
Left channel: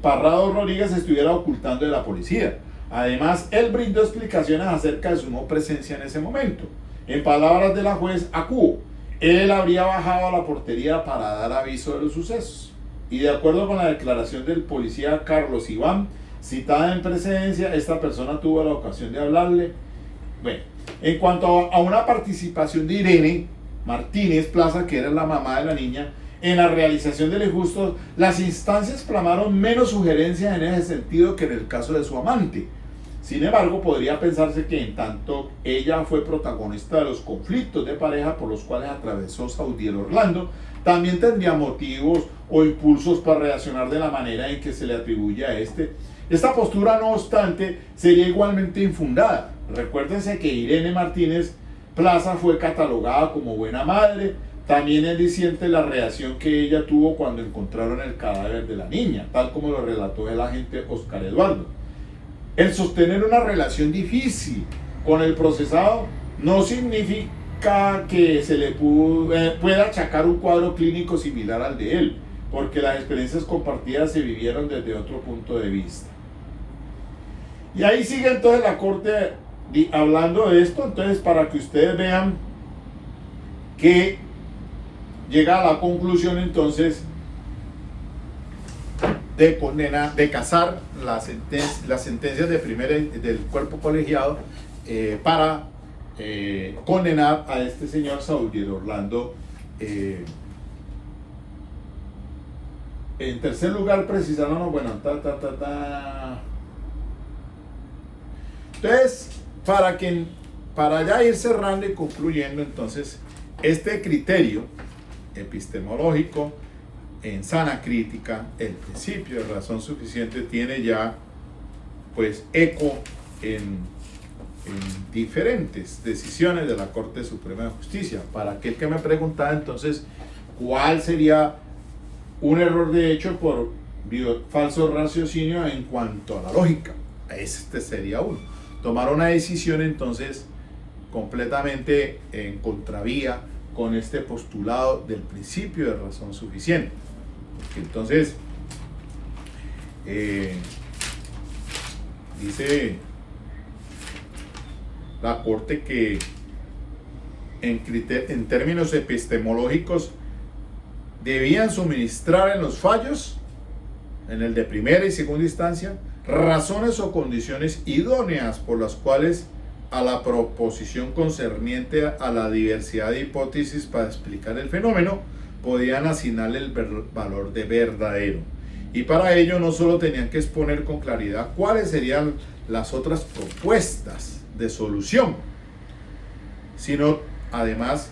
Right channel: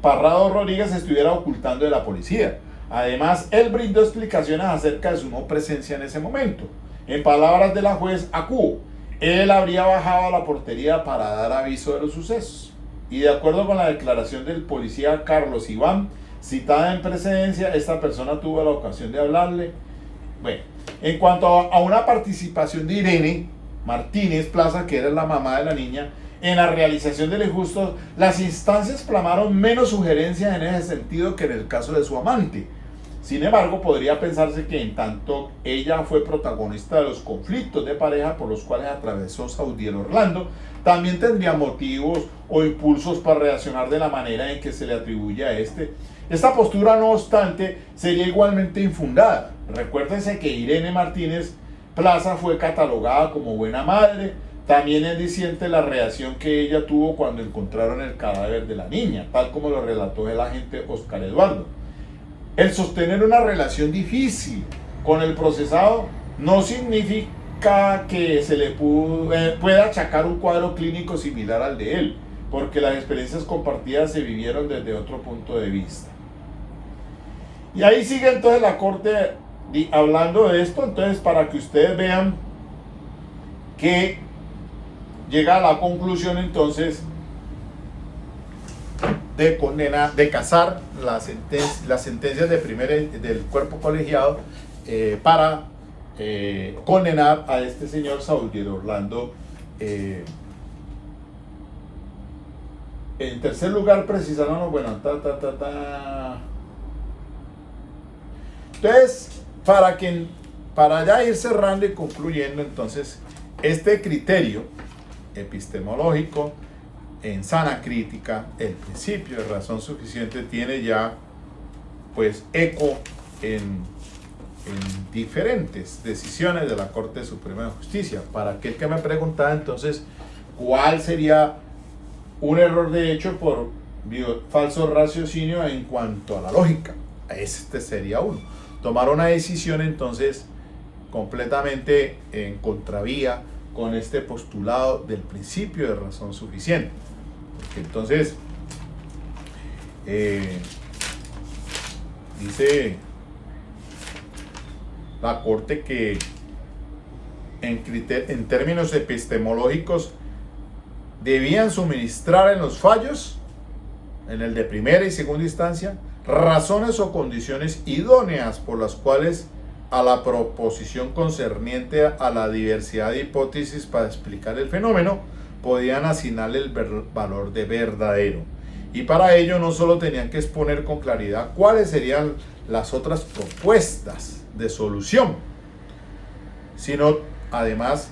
Parrado Rodríguez se estuviera ocultando de la policía. Además, él brindó explicaciones acerca de su no presencia en ese momento. En palabras de la juez Acuo, él habría bajado a la portería para dar aviso de los sucesos. Y de acuerdo con la declaración del policía Carlos Iván, citada en precedencia, esta persona tuvo la ocasión de hablarle. Bueno, en cuanto a una participación de Irene Martínez Plaza, que era la mamá de la niña, en la realización del injusto, las instancias clamaron menos sugerencias en ese sentido que en el caso de su amante. Sin embargo, podría pensarse que en tanto ella fue protagonista de los conflictos de pareja por los cuales atravesó Saudiel Orlando, también tendría motivos o impulsos para reaccionar de la manera en que se le atribuye a este. Esta postura, no obstante, sería igualmente infundada. Recuérdense que Irene Martínez Plaza fue catalogada como buena madre. También es diciente la reacción que ella tuvo cuando encontraron el cadáver de la niña, tal como lo relató el agente Oscar Eduardo. El sostener una relación difícil con el procesado no significa que se le pueda achacar un cuadro clínico similar al de él, porque las experiencias compartidas se vivieron desde otro punto de vista. Y ahí sigue entonces la corte hablando de esto, entonces para que ustedes vean que llega a la conclusión entonces de casar las sentencias del cuerpo colegiado para condenar a este señor Saudiel Orlando. En tercer lugar, precisaron, bueno, Entonces, para ya ir cerrando y concluyendo, entonces, este criterio epistemológico en sana crítica, el principio de razón suficiente, tiene ya pues eco en diferentes decisiones de la Corte Suprema de Justicia. Para aquel que me preguntaba entonces cuál sería un error de hecho por falso raciocinio en cuanto a la lógica, este sería uno. Tomar una decisión entonces completamente en contravía con este postulado del principio de razón suficiente. Porque entonces dice la Corte que en términos epistemológicos debían suministrar en los fallos, en el de primera y segunda instancia, razones o condiciones idóneas por las cuales a la proposición concerniente a la diversidad de hipótesis para explicar el fenómeno podían asignarle el valor de verdadero. Y para ello no solo tenían que exponer con claridad cuáles serían las otras propuestas de solución, sino además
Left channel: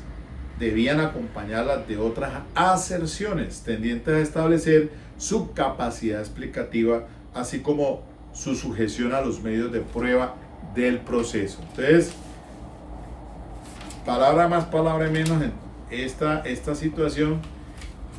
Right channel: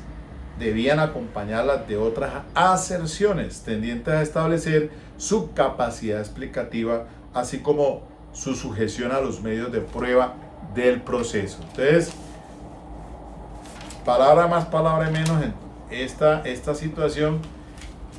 debían acompañarlas de otras aserciones tendientes a establecer su capacidad explicativa, así como su sujeción a los medios de prueba del proceso. Entonces, palabra más, palabra menos, esta situación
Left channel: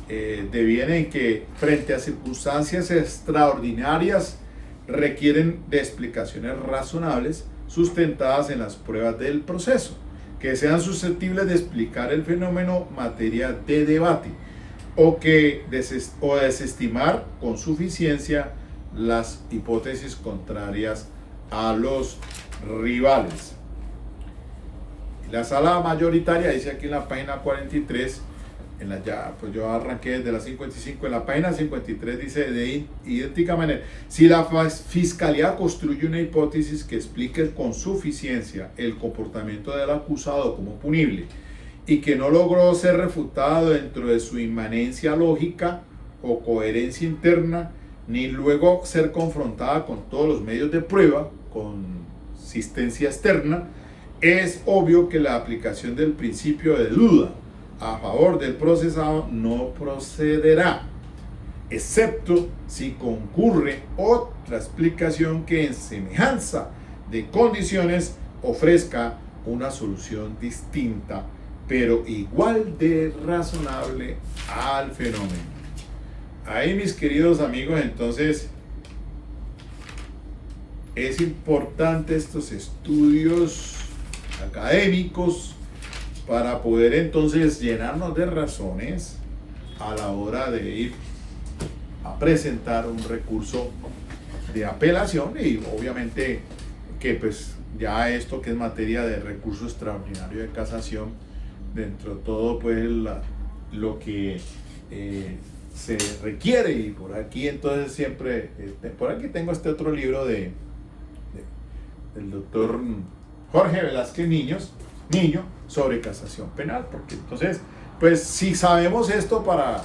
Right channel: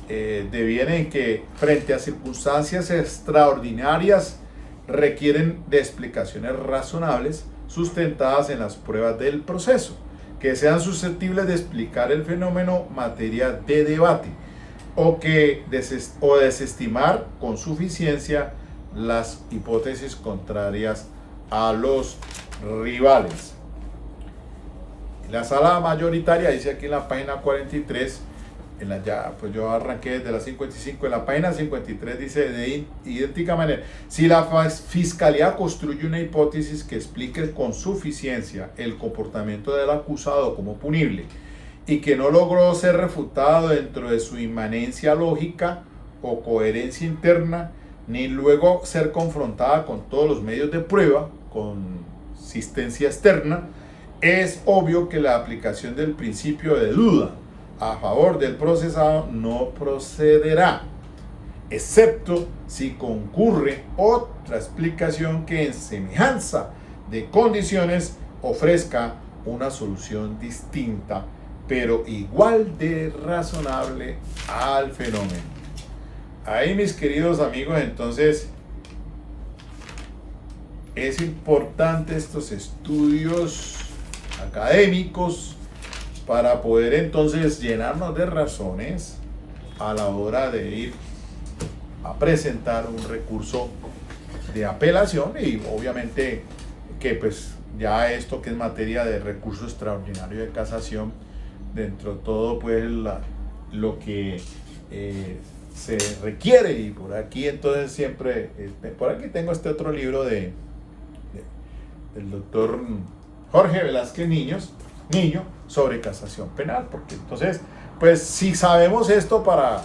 deviene en que frente a circunstancias extraordinarias requieren de explicaciones razonables sustentadas en las pruebas del proceso, que sean susceptibles de explicar el fenómeno materia de debate o desestimar con suficiencia las hipótesis contrarias a los rivales. La sala mayoritaria dice aquí en la página 43, pues yo arranqué desde la 55, en la página 53 dice de idéntica manera: si la fiscalía construye una hipótesis que explique con suficiencia el comportamiento del acusado como punible y que no logró ser refutada dentro de su inmanencia lógica o coherencia interna, ni luego ser confrontada con todos los medios de prueba, consistencia externa, es obvio que la aplicación del principio de duda a favor del procesado no procederá, excepto si concurre otra explicación que en semejanza de condiciones ofrezca una solución distinta, pero igual de razonable al fenómeno. Ahí, mis queridos amigos, entonces es importante estos estudios académicos para poder entonces llenarnos de razones a la hora de ir a presentar un recurso de apelación, y obviamente que pues ya esto que es materia de recurso extraordinario de casación, dentro de todo pues lo que se requiere. Y por aquí entonces siempre, por aquí tengo este otro libro del doctor Jorge Velázquez Niño sobre casación penal, porque entonces pues si sabemos esto para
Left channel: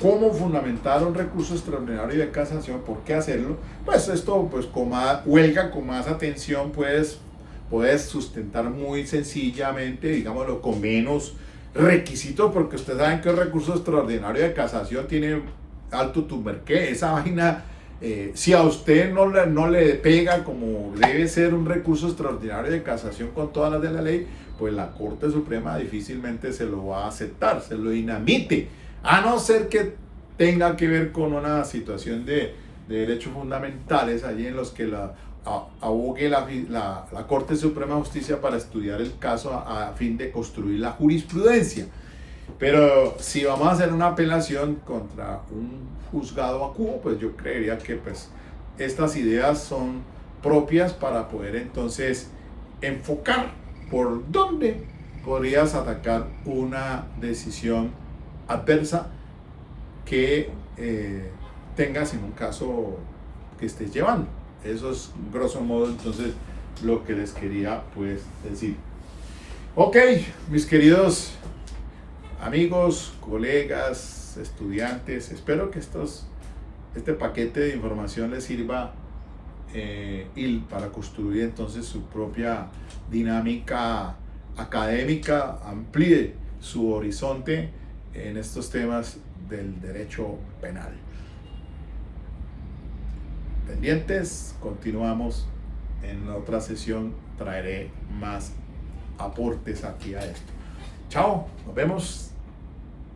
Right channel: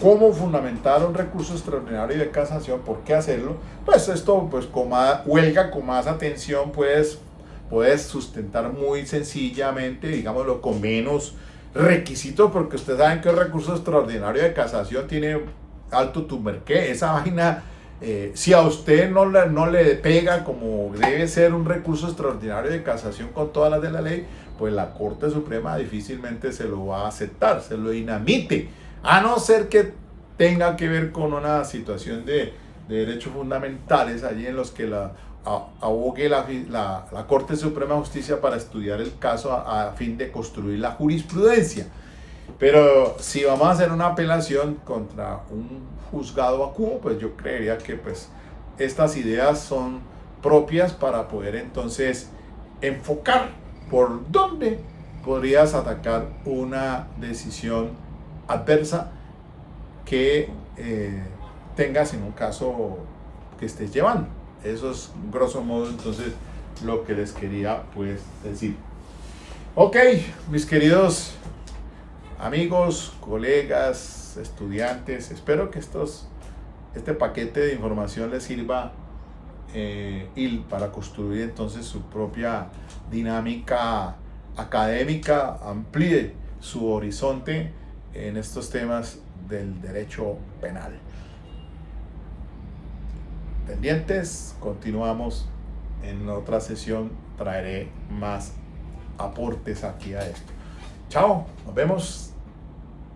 cómo fundamentar un recurso extraordinario de casación, ¿por qué hacerlo? Pues esto pues con más atención puedes sustentar muy sencillamente, digámoslo, con menos requisitos, porque ustedes saben que el recurso extraordinario de casación tiene alto tumberqué. Esa vaina, si a usted no le pega como debe ser un recurso extraordinario de casación con todas las de la ley, pues la Corte Suprema difícilmente se lo va a aceptar, se lo inadmite, a no ser que tenga que ver con una situación de derechos fundamentales allí en los que abogue la Corte Suprema de Justicia para estudiar el caso a fin de construir la jurisprudencia. Pero si vamos a hacer una apelación contra un juzgado vacuo, pues yo creería que pues estas ideas son propias para poder entonces enfocar por dónde podrías atacar una decisión adversa que tengas en un caso que estés llevando. Eso es grosso modo entonces lo que les quería pues decir. Ok, mis queridos amigos, colegas, estudiantes, espero que este paquete de información les sirva y para construir entonces su propia dinámica académica, amplíe su horizonte en estos temas del derecho penal. Pendientes, continuamos en otra sesión, traeré más aportes aquí a esto. Chao, nos vemos.